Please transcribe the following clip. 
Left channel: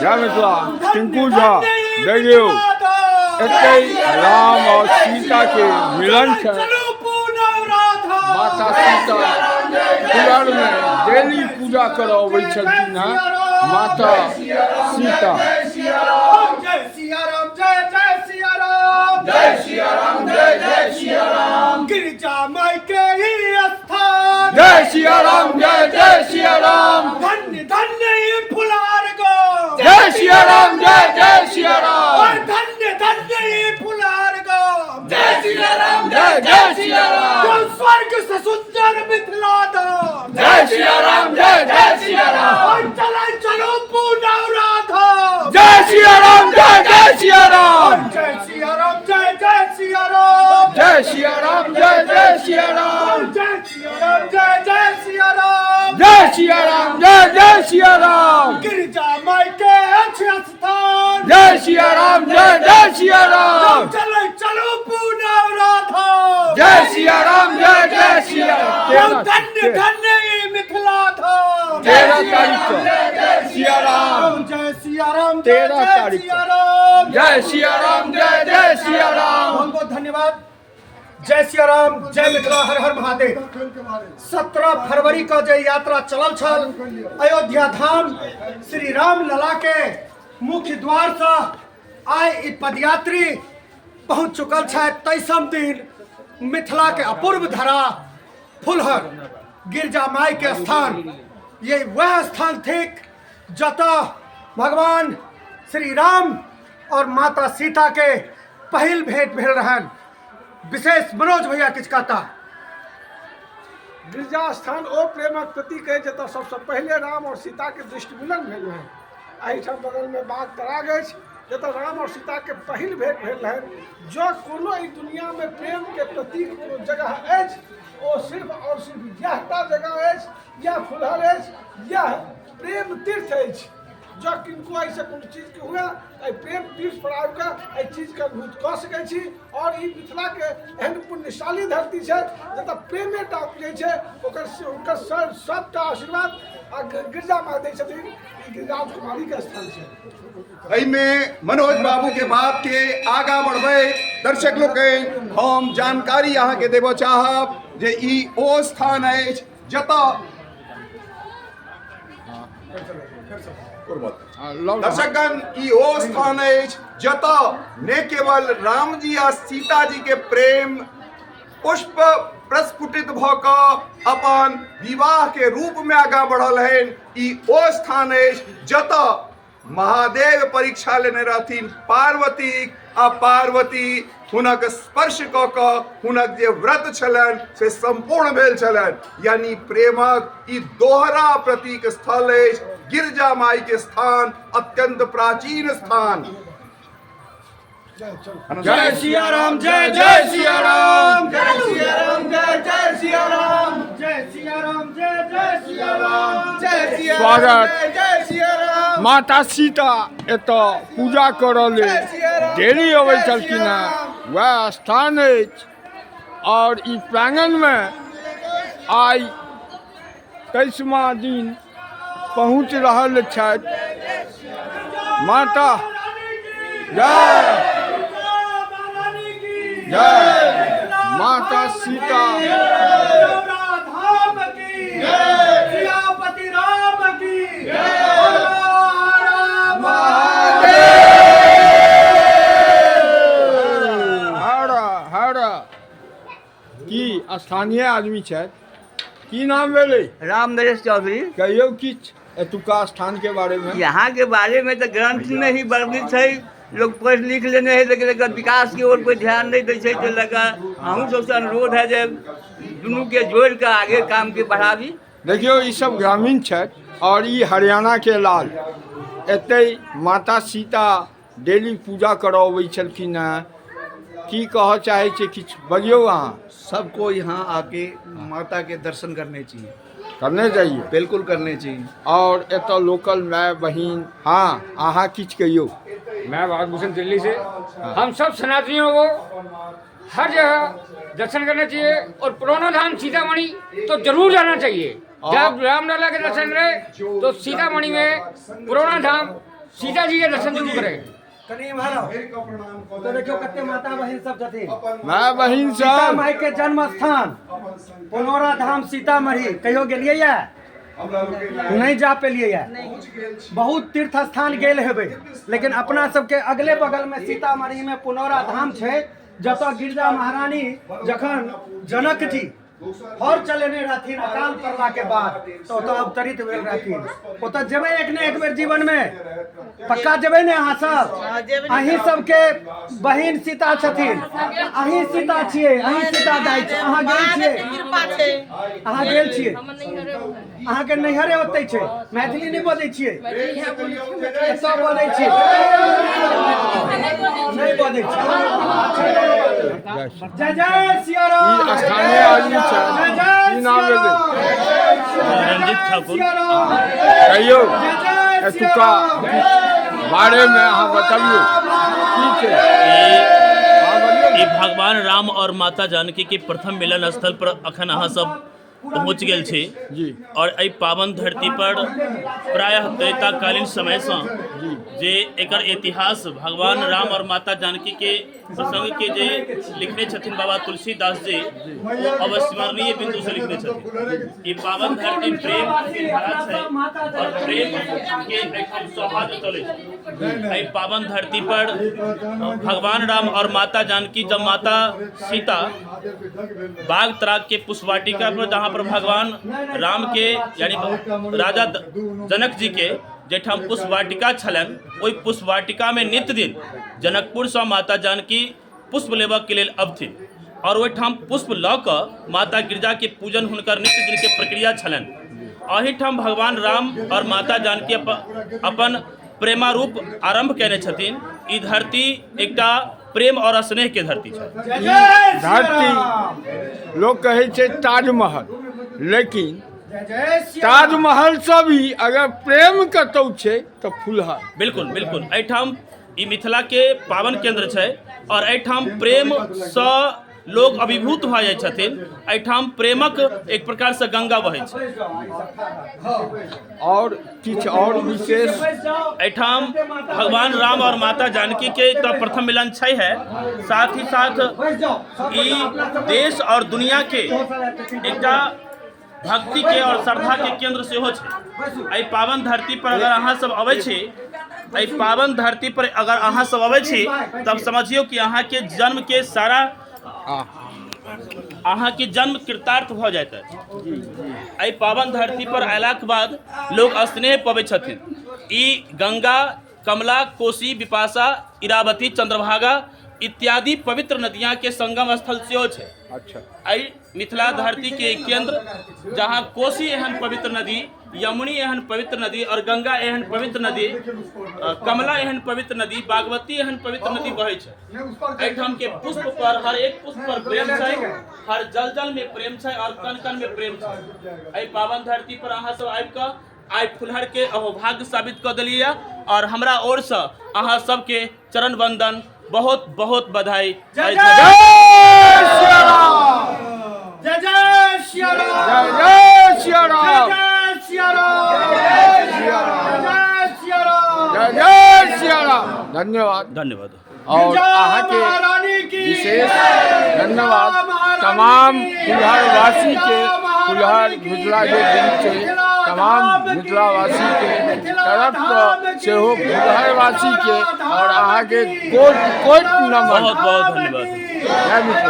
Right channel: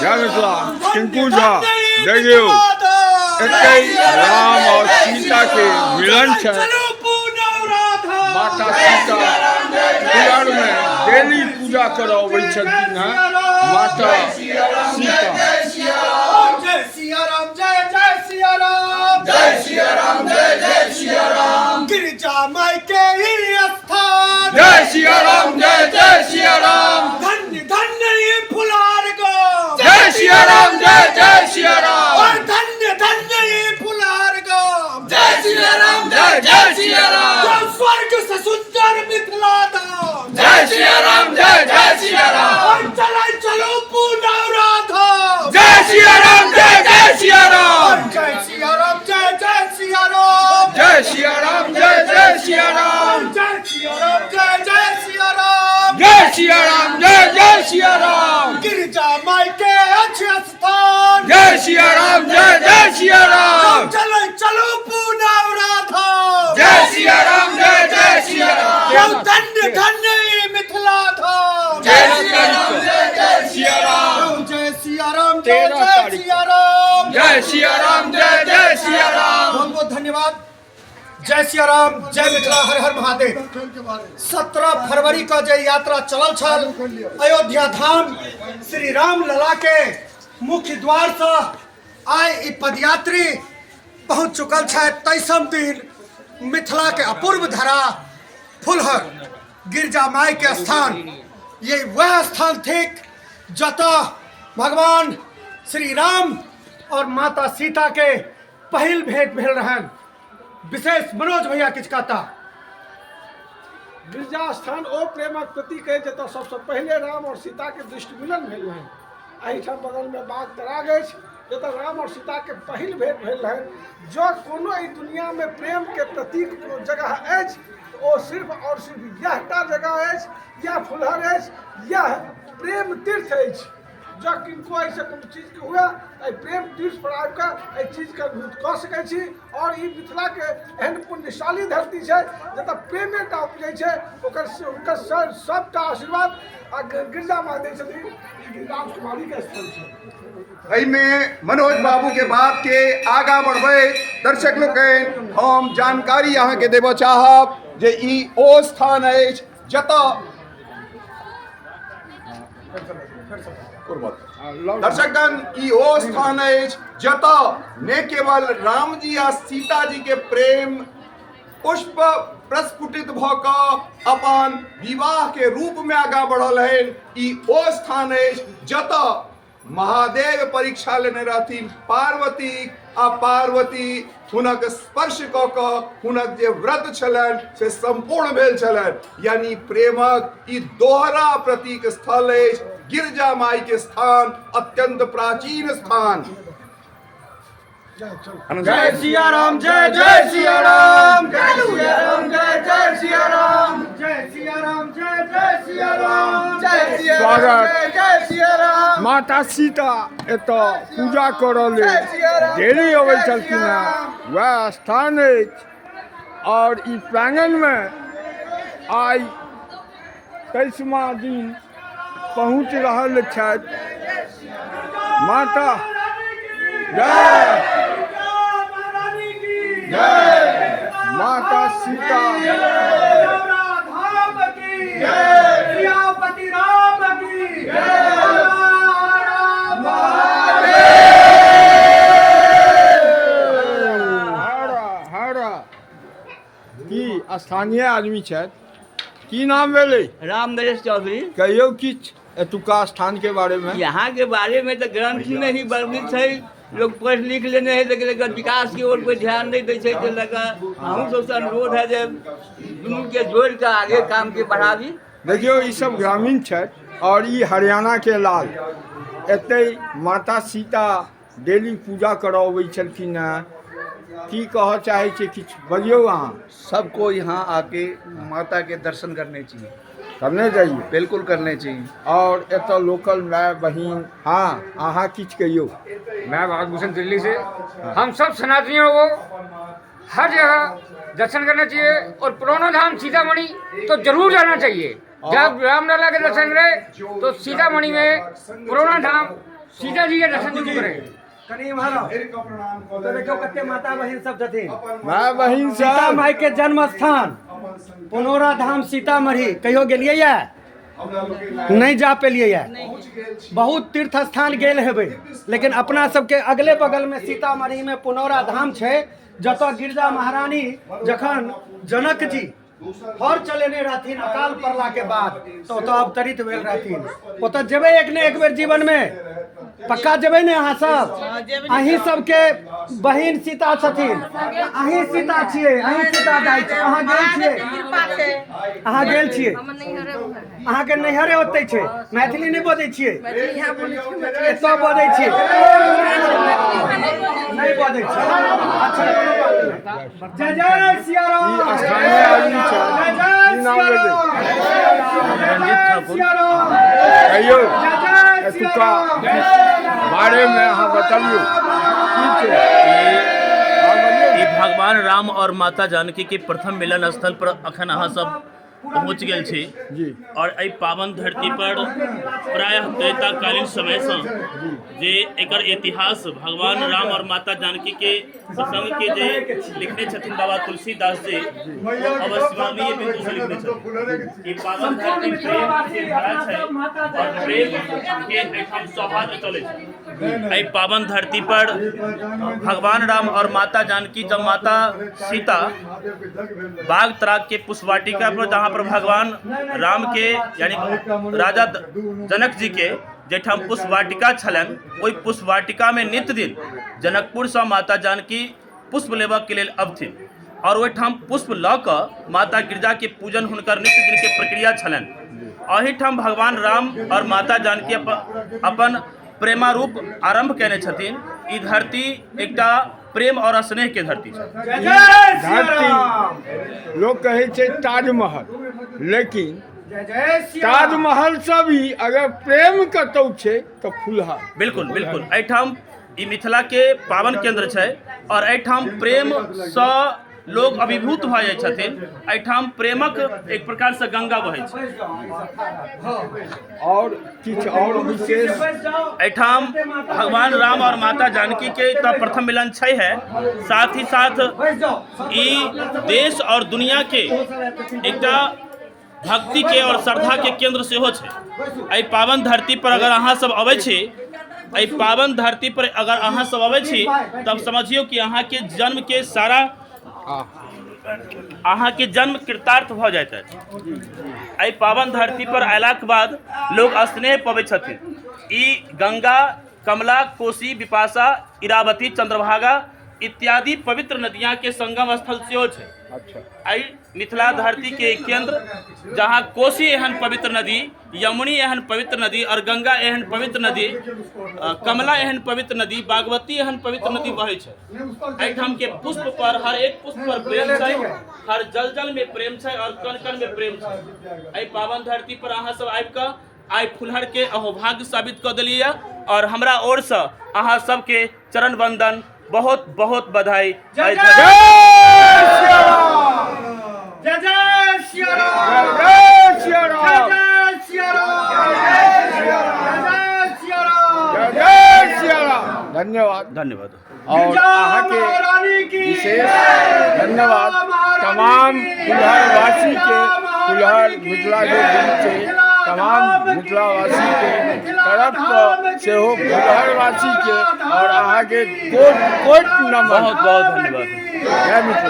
जय मिथिला टिंकू झा देखियो एते राम और सीता के मिलन है। माता सीता कुलर में डेली पूजा करावे छथिन माता सीता। जय सिया राम जय जय सिया राम जय सिया राम जय जय सिया राम गिरिजा माई के ही स्थान। जय सिया राम जय जय सिया राम धन्य धन्य ये फुलार गो। जय सिया राम जय जय सिया राम और धन्य धन्य ये फुलार गो। जय सिया राम जय जय सिया राम जो स्वर्ग से सुंदर मिथिला धाम। जय सिया राम जय जय सिया राम और चलो पूनौरा धाम। जय सिया राम जय जय सिया राम जय सिया राम जय जय सिया राम जय सिया राम जय जय सिया राम जय सिया राम जय जय सिया राम जय सिया राम जय जय सिया राम गिरिजा माई के अच्छे स्थान। जय सिया राम जय जय सिया राम चलो चलो पूनौरा धाम। जय सिया राम जय जय सिया राम। धन्य धन्य ये मिथिला धाम। जय सिया राम जय जय सिया राम जय सिया राम जय जय सिया राम जय सिया राम जय जय सिया राम। बहुत बहुत धन्यवाद। जय सिया राम जय मिथिला हर हर महादेव। 17 फरवरी का जो यात्रा चलल छल अयोध्या धाम श्री राम लला के मुख्य द्वार से आय ई पदयात्री पहुंच चुकल है। 23 दिन मिथिला के अपूर्व धरा फुलहर गिरजा माई के स्थान। ये वह स्थान थे जता भगवान श्री राम और माता सीता के पहिल भेंट भेल रहन। विशेष मनोज भैया किछ कहता। गिरजा स्थान ओ प्रेमक प्रतीक है जतऽ सबसे पहले राम और सीता के दृष्टि मिलन भेल है। एहिठाम बगल में बाग तराग अछि जतऽ राम और सीता के पहिल भेंट भेल है। जो कोनो ई दुनिया में प्रेम के प्रतीक कोनो जगह अछि ओ सिर्फ और सिर्फ यह टा जगह अछि, यह फुलहर अछि, यह प्रेम तीर्थ अछि। जो किनको ऐसे कोनो चीज के हुआ प्रेम तीर्थ पर आबि कऽ चीज के अनुभूत कऽ सकै छी। और ई मिथिला के एहन पुण्यशाली धरती छै जतऽ प्रेमे टा उपजै छै। ओकर सबटा आशीर्वाद आ गिरजा माँ दै छथिन। गिरिराज कुमारी के स्थल छै। एहिमे मनोज बाबू के बात के आगा बढ़बै दर्शक लोग हम जानकारी अहाँ के देबऽ चाहब जे ई ओ स्थान अछि जतऽ दर्शकगण ई ओ स्थान अछि जतऽ ने केवल राम जी आ सीता जी के प्रेम पुष्प प्रस्फुटित भऽ कऽ अपन विवाह के रूप में आगा बढ़ल है। ई ओ स्थान अछि जतऽ महादेव परीक्षा लेने रहथिन पार्वती आ पार्वती हुनक स्पर्श कऽ कऽ हुनक जे व्रत छलनि से संपूर्ण भेल छलनि। यानी प्रेमक ई दोहरा प्रतीक स्थल अछि गिरजा माई के स्थान, अत्यंत प्राचीन स्थान। जय सिया राम जय जय सिया राम जय सिया राम जय जय सिया राम जय सिया राम जय जय सिया राम जय सिया स्वागत। जय सिया राम माता सीता एतऽ पूजा करऽ लेल डेली अबै छलखिन हैं। वह स्थान अछि और ई प्रांगण में आइ 23वां दिन पहुँच रहल छथि माता। जय जय माता सीता धाम की जय सियापति राम की जय हर की स्थानीय आदमी छथि की नाम भेलै? राम नरेश चौधरी। कहियो किछ एतुका स्थान के बारे में? यहाँ के बारे में तो ग्रंथ में ही वर्णित है। लोग पढ़ लिख लेने हैं लेकिन अगर विकास की ओर कोई ध्यान नहीं दै छै तो लगा हम सबसे अनुरोध है जे दुनू के जोड़ के आगे काम के बढ़ाबी। देखियो ई सब ग्रामीण छथि और ई हरियाणा के लाल एते माता सीता डेली पूजा करबै छलखिन हैं। की कह चाहे छी किछ बजियो अहाँ? सबको यहाँ आके माता के दर्शन करने चाहिए, करने चाहिए, बिल्कुल करने चाहिए। और एतऽ लोकल माय बहिन हाँ अहाँ किछ कहियो? मैं भागभूषण दिल्ली से। हम सब सनातनियों को हर जगह दर्शन करना चाहिए और पुराना धाम सीतामढ़ी तो जरूर जाना चाहिए। जब रामलला के दर्शन करें तो सीतामढ़ी में पुराना धाम सीता जी के दर्शन जरूर करें। कनी मारो तो देखो कते माता बहन सब छथिन। माँ बहिन सीता सब माई के जन्म स्थान पुनौरा धाम सीतामढ़ी कहियो गेलियै या नहीं जा पेलियै या बहुत तीर्थ स्थान गेल हेबै लेकिन अपना सबके अगले बगल में सीतामढ़ी में पुनौरा धाम छै जतऽ गिरजा महारानी जखन जनक जी हर चलेने रहथिन अकाल पड़ला के बाद तो ओतऽ अवतरित भेल रहथिन। ओतऽ जेबै एक ने एक बेर जीवन में पक्का जेबै ने अहाँ सब। अहीं सबके बहिन सीता छथिन, अहीं सीता छियै, अहीं सीता दाई छियै। अहाँ गेल छियै, अहाँ गेल छियै, अहाँके नैहरे ओतै छै। मैथिली नहि बजै छियै, एतऽ बजै छियै, नहीं बजै छियै। जय जय सिया राम। ई स्थानीय आदमी छै, की नाम भेलै? रंजीत ठाकुर। कहियौ एतुका बारे में अहाँ बतबियौ की छै? अहाँ बतियौ। ई भगवान राम और माता जानकी के प्रथम मिलन स्थल पर अखन अहाँ सब पहुँच गेल छी जी और एहि पावन धरती पर प्रायः त्रेताकालीन समय से जे एकर इतिहास भगवान राम और माता जानकी के प्रसंग के जे लिखने छथिन बाबा तुलसीदास जी अविस्मरणीय बिंदु से लिखने छथिन। ई पावन धरती प्रेम के धारा छै और प्रेम के एकदम सौहार्द चले छै। एहि पावन धरती पर भगवान राम और माता जानकी जब माता सीता बाग तराग के पुष्पवाटिका पर जहाँ पर भगवान राम के यानी राजा जनक जी के जेठाम पुष्पवाटिका छलन ओहि पुष्पवाटिका में नित्य दिन जनकपुर से माता जानकी पुष्प लेबऽ के लेल अबथिन और ओहिठाम पुष्प लऽ कऽ माता गिरजा के पूजन हुनकर नित्य दिन के प्रक्रिया छलन। एहिठाम भगवान राम और माता जानकी अपन प्रेमारूप आरंभ केने छथिन। ई धरती एकटा प्रेम और स्नेह के धरती छै। धरती लोग कहे छै ताजमहल, लेकिन ताजमहल से भी अगर प्रेम कतौ छै तो फुलहर। बिल्कुल बिल्कुल एहिठाम ई मिथिला के पावन केंद्र छै और एहिठाम प्रेम सँ लोग अभिभूत भऽ जाइ छथिन। एहिठाम प्रेमक एक प्रकार से गंगा बहै छै। और किछु और विशेष एहिठाम भगवान राम और माता जानकी के तो प्रथम मिलन छै है, साथ ही साथ ई देश और दुनिया के एकटा भक्ति के और श्रद्धा के केंद्र सेहो छै। एहि पावन धरती पर अगर अहाँ सब अबै छी, एहि पावन धरती पर अगर अहाँ सब अबै छी तब समझियो कि अहाँ के जन्म के सारा अहाँ के जन्म कृतार्थ भऽ जाइत है। एहि पावन धरती पर अयलाक बाद लोग स्नेह पबै छथिन। ई गंगा, कमला, कोसी, बिपाशा, इरावती, चंद्रभागा इत्यादि पवित्र नदियाँ के संगम स्थल सेहो छै। अच्छा एहि मिथिला धरती के केंद्र जहाँ कोसी एहन पवित्र नदी, यमुनी एहन पवित्र नदी और गंगा एहन पवित्र नदी, कमला एहन पवित्र नदी, बागमती एहन पवित्र नदी बहै छै। एहिठाम के पुष्प पर हर एक पुष्प पर प्रेम छै, हर जल जल में प्रेम छै और कण कण में प्रेम छै। एहि पावन धरती पर अहाँ सब आबि कऽ आइ फुलहर के अहोभाग्य साबित कऽ देलियै और हमरा ओर से अहाँ सबके चरण वंदन बहुत बहुत बधाई। जय सिया राम, जय जय सिया राम, जय सिया राम, जय सिया राम, जय सिया राम, जय सिया राम, जय सिया राम। धन्यवाद। धन्यवाद। और अहाँ के विशेष धन्यवाद तमाम फुलहर वासी के, फुलहर मिथिला के दिन छै तमाम मिथिलावासी के तरफ से हो, फुलहर वासी के और अहाँ के कोट कोट नमन। बहुत बहुत धन्यवाद। जय मिथिला।